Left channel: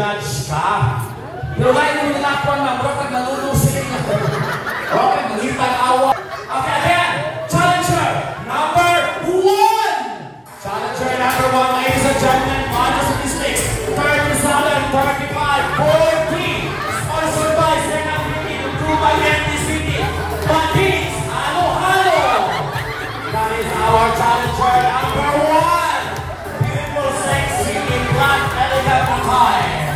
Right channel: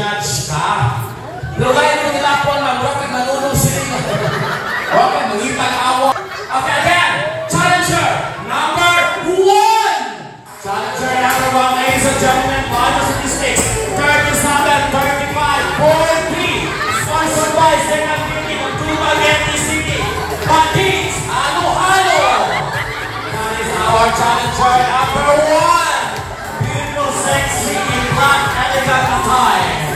judge ka. Pero ngayon mo nilapon na huwag kang manunong sila. Huwag kang mangitang awa. Okay, again. Challenger number 1. Challenger number 1, ladies and gentlemen. Model statistics. 37, 35, 43. Sponsored by Second City of Tuba, Genti City. Bandits, halo-halo. That is our challenger number 1. Beautiful, sexy, in hot, elegant attire.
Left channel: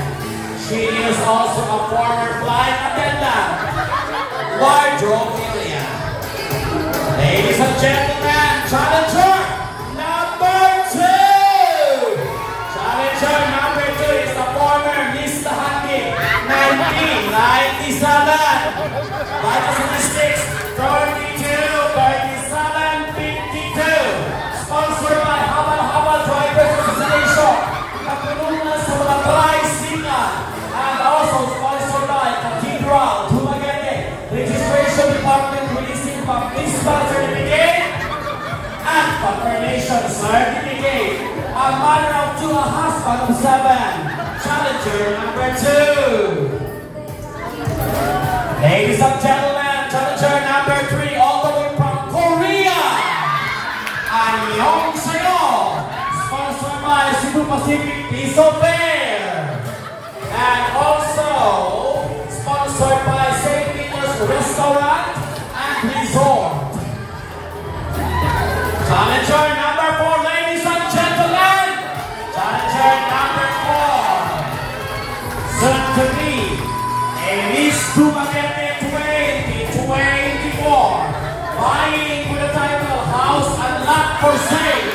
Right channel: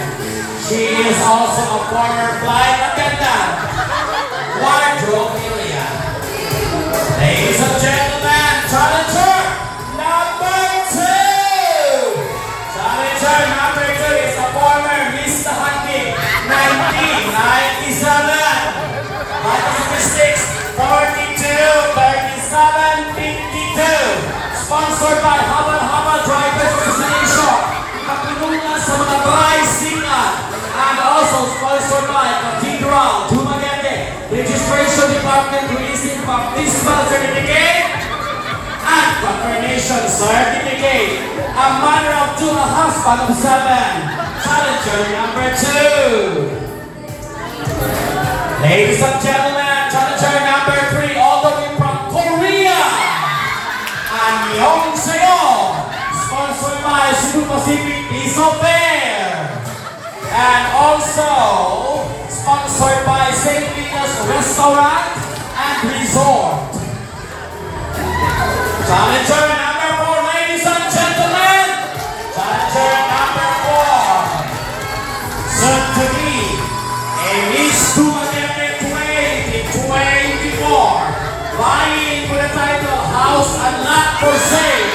She is also a former flight attendant. Wardrobe area. Ladies and gentlemen, challenger number 2. Challenger number 2 is a former Miss Tahaki 1997. Vital statistics 42, 37, 52. Sponsored by Habal Drivers Association. Nagtulungan sa mga tricycle. And also sponsored by Cathedral Dumaguete Registration Department releasing baptismal certificate and confirmation certificate. A man of 2, a husband of 7. Challenger number 2. Ladies and gentlemen, challenger number 3, all the way from Korea. And Yong Seo, sponsored by Cebu Pacific Piso Fair. And also sponsored by St. Peter's Restaurant and Resort. Challenger number 4, ladies and gentlemen. Challenger number 4. Soon to be a Miss Dumaguete 2024. Vying for the title House and Lot for Sale.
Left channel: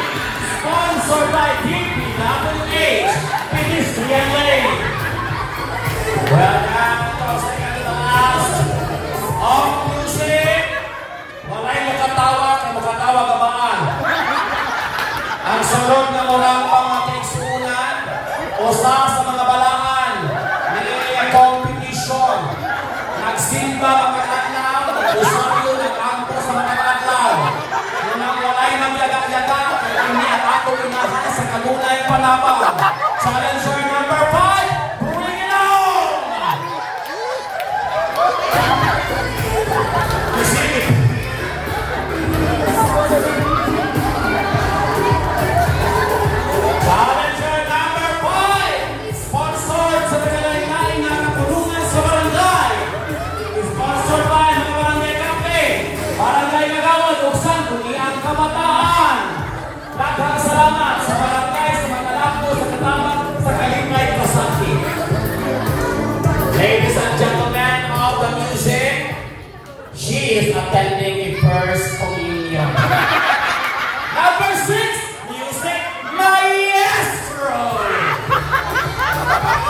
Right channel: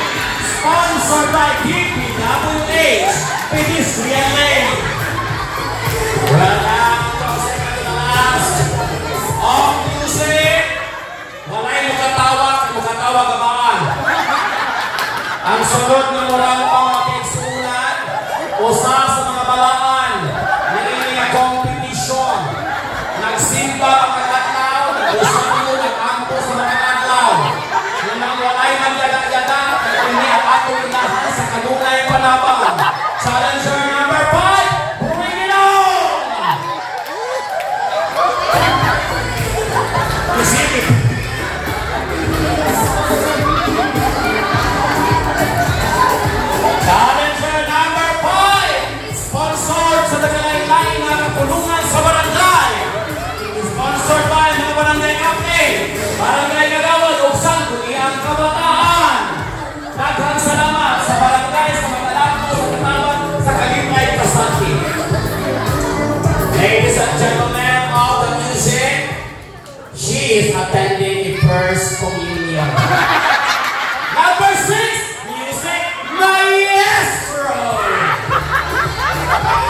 Sponsored by DPWH Pedestrian Lane. Well, second to the last. Ang music. Walay makatawa kabaan. Ang sunod na murang pangakiksunan, usa sa mga balaan, nililiya competition. Nagsimba ang mag-atlaw, usayo nag-ampo sa mga atlaw. Nang walay nagyaga-yaga, kaya ang ato inahan sa kanunay panabang. Challenger number 5, bring it on! Pacific. Challenger number 5, sponsored sa nagalain na katulungan sa barangay. Sponsored by mga barangay captain, barangay Nagawad, Uksan, Iyang Kabataan. Daghang salamat sa barangay, sa mga lalako, sa katawan, sa Kalimay Kasaki. Ladies and gentlemen of the music, she is attending a first communion. Number 6, music maestro.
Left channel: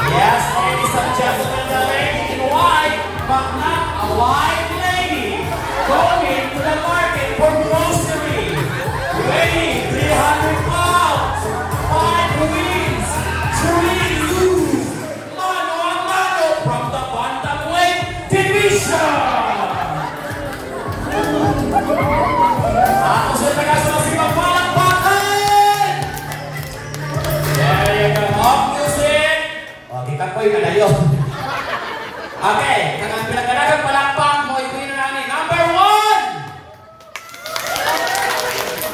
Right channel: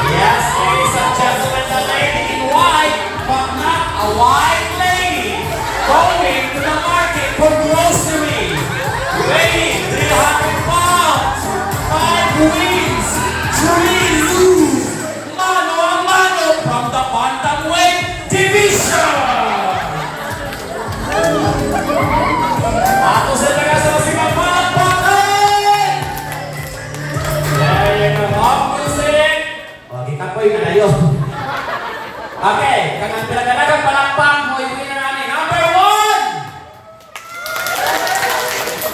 Yes, ladies and gentlemen, the lady in white, but not a white lady, going to the market for grocery. Weighing 300 pounds, 5 wins, 3 lose. Mano a mano from the bantamweight division. Ako sa taga-sumasibang palakpakan! There you go, pop music! O, kikapoy ka na yun. Okay, kanang pinaganagang palakpak mo, yung winner namin. Number 1!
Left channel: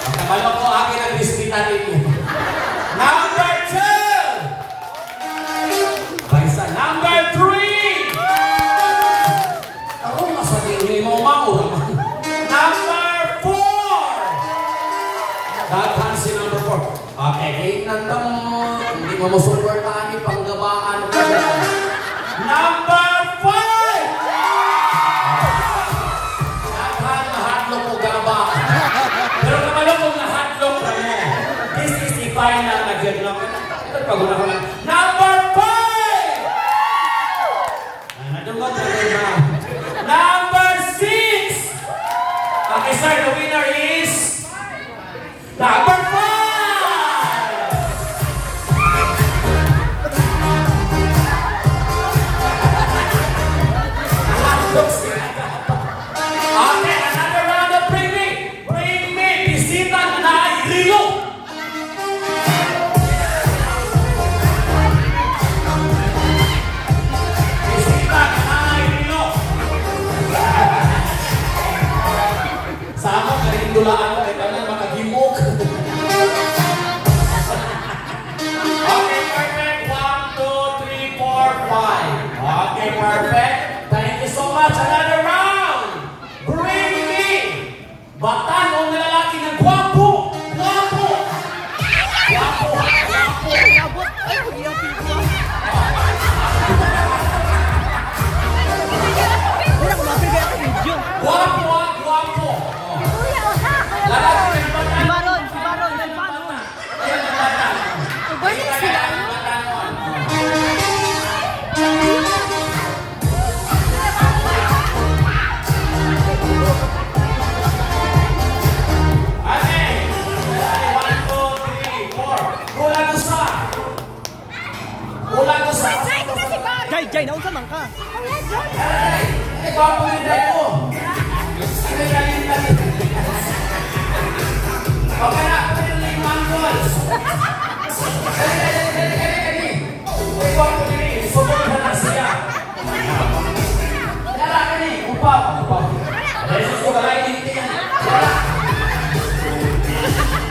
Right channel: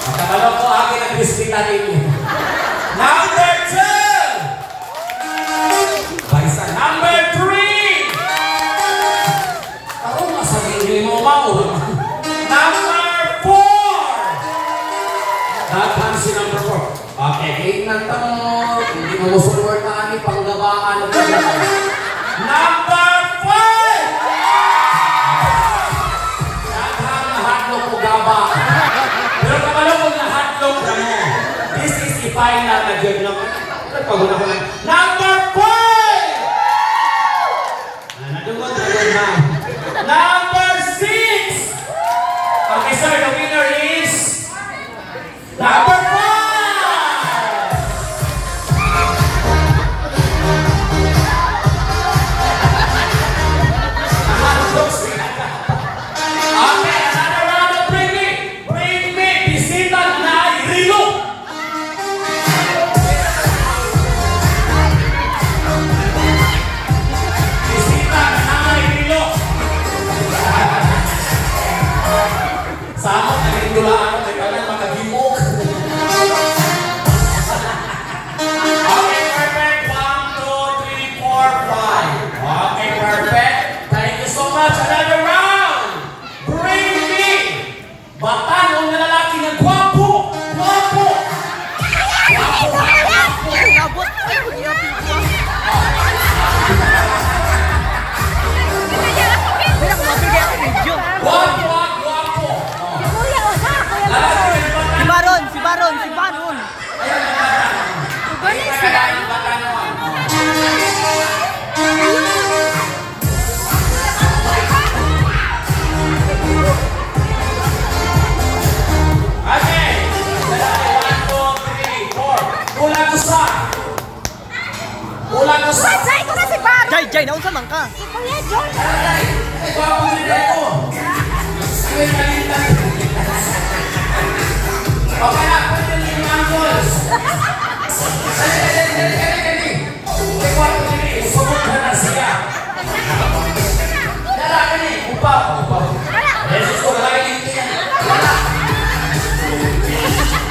Ang kabalo ko, akin ang bispita ninyo. Number 2! Baisa, number 3! Ako, masabihin mo, maul. Si number 4. Okay, 8 na tamo. Hindi mo musuportahan ni panggabaan ng pagkakal. Number 5! Daghang nahatlong ko gaba. Pero kapalo kung nahatlong ka mo, this is the final na dyan lang. Paguna ko lang. Number 5! Nadunggot na yun na. Number 6! Okay sir, the winner is number 5! Okay, another round of bring me, bisita na Rilo! video. Guwapo, ha? Guwapo. Lalaki ka ng bata. Si Baron, si Baron, si Baron. Ayun ang bata. Ganun sila. Ang bata naman. Okay. 1, 2, 3, 4. Kulang ko sa. Kulang ko sa. Say ko na si Baron. Jay, naunsa man ka? Kuya John. Ay, guwapo din ako. Ay, nalitan. Okay na, pwede na yung angles. Dali. May guwapo din eh. Sumot na na siya. Lalaki ni. Upaw. Jesus ko, lalaki dito yan.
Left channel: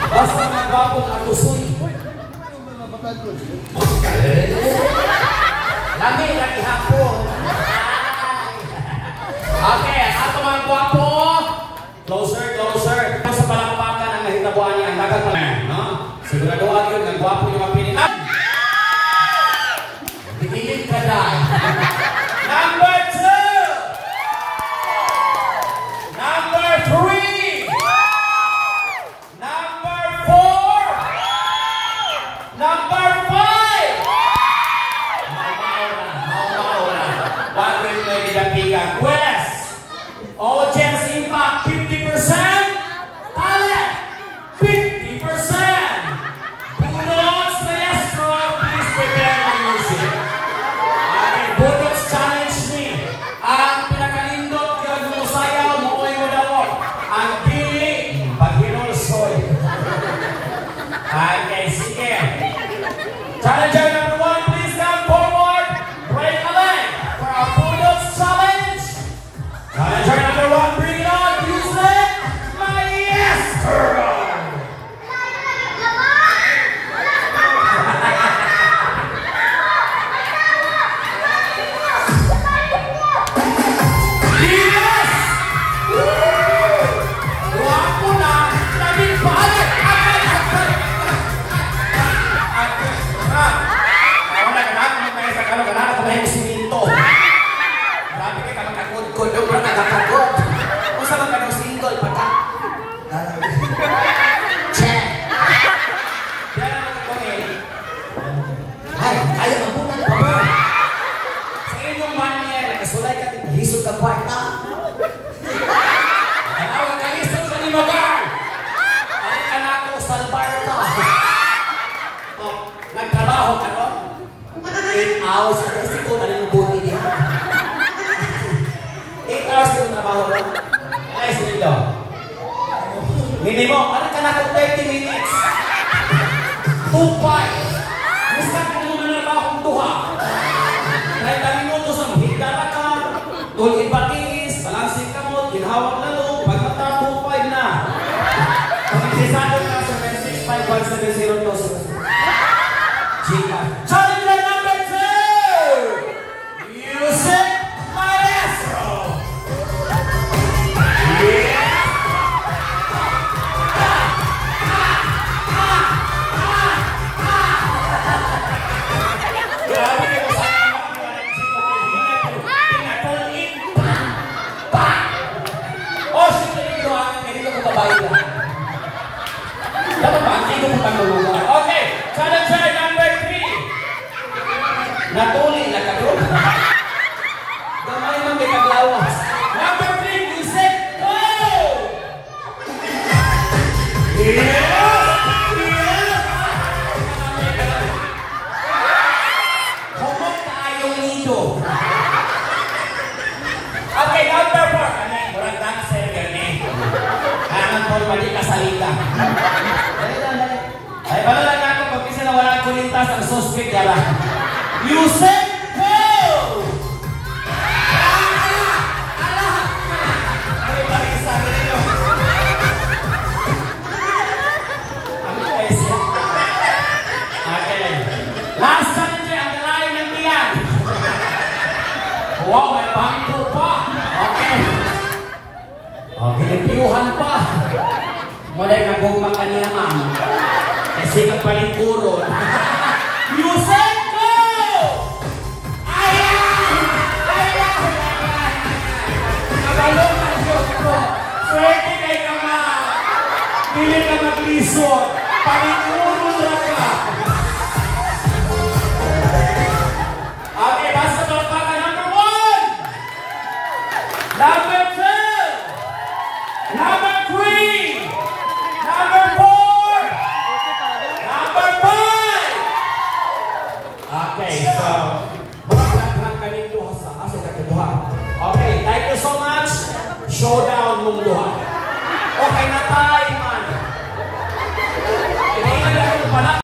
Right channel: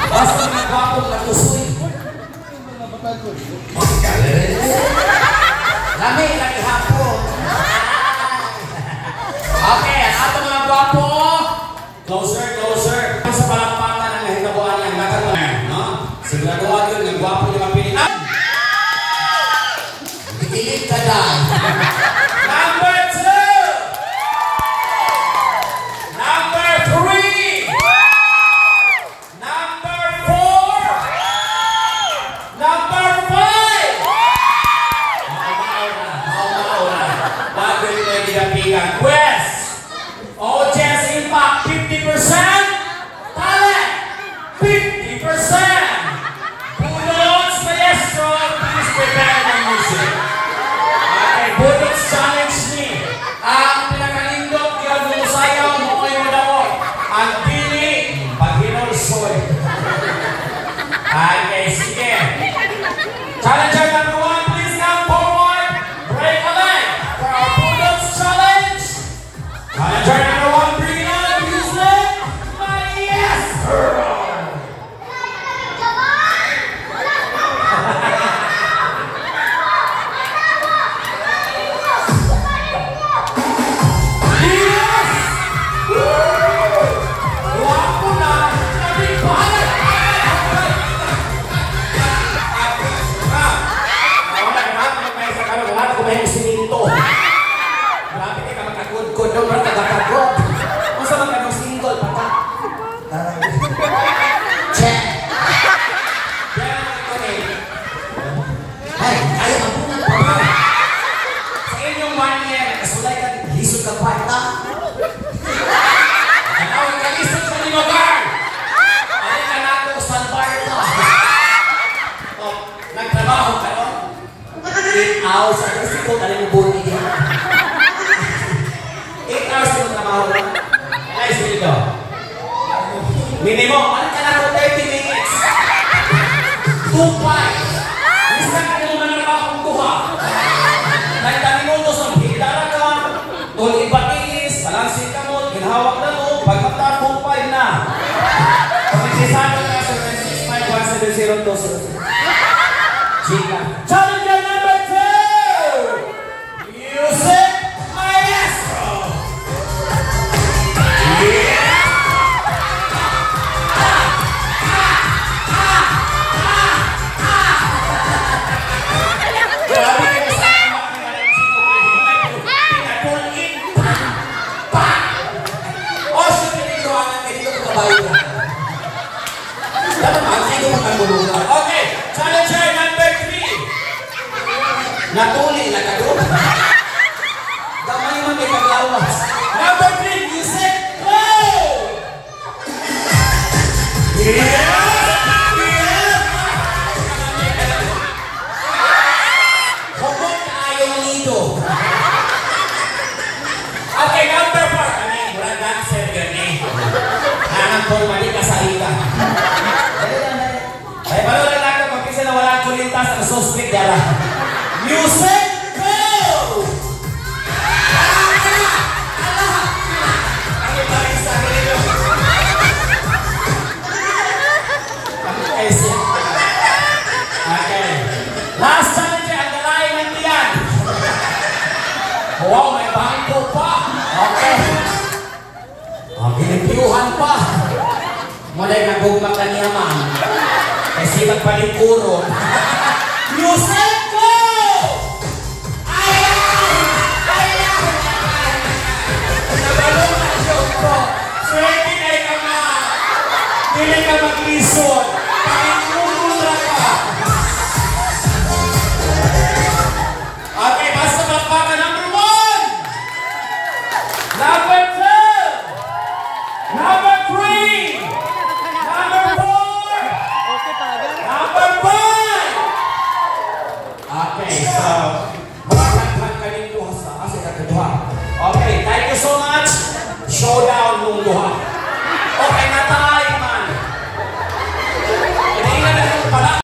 Basta na guwapo, matusoy. Lami, laki hapon. Okay, ato mga guwapo. Closer. Sa palakpakan ang mahitabuan niya. Nagkagman, no? Siguraduhan yun, ang guwapo niyo mapilin. Itilid ka na. Number 2. Number 3. Number 4. Number 5. Mauna. Wag mo yung ginapigan. Quest. Audience impact 50%. Talent 50%. Bulldogs Maestro, please prepare the music. Okay, Bulldogs challenge ni. Ang pinakalindot yung musayaw mo ay madawag. Ang dili, pag-hinulsoy. Okay, sige. Challenger number 1, please come forward. Break a leg for our Bulldogs challenge. Challenger number 1, bring it up, use leg. Maestro. Yes! Guwapo na. Labing bahalag. Wala ko ba yung siminto? Grabe ka kang kakudkod. Yung brata kakagod. Kung saan ka ng single pa ka? Check! Yan ang ito eh. Ay, ayaw ang bunang pa. Sa inyong manyer, kasulay ka, lisod ka kwarta. Anawag ka lisod sa limagar. Ay ka na ako, salbar ka. O, nagtrabaho ka, no? 8 hours sa isip ko, dali mo buhay din. 8 hours ko trabaho, no? Nice video. Minimum, ano ka na ako 30 minutes? 2-5. Mista ka naman na akong duha. 90 minutos ang higdara ka, kung ibatis, talansing ka mo, ginhawak na mo, pagmata 2-5 na. Kung isisado ka sa 65170 Chika. Challenger number 2! Music Maestro! Yeah! Okay, challenger number 3. Natuli na kadun. Gamay man may paglawas. Number 3, music, go! Yeah! Humot na ayaw ng nido. Okay, number 4. Ano yung mura dancer gani? Anong forma di kasalita. Ay, paano lang natin pag-isa na walang kulintas ang suspect dala. Music, go! Ang ipag-isa ka nito. Ang ipag-isa. Okay. Last challenge, ang galain ng tiyan. Wow, may bangko pa. Okay. Ang pinipiyuhan pa. Mula yung nagugmak ka niya, ma'am. Kasi kapalikuron. Music, go! Ayaw! Ayaw! Ayaw! lisod.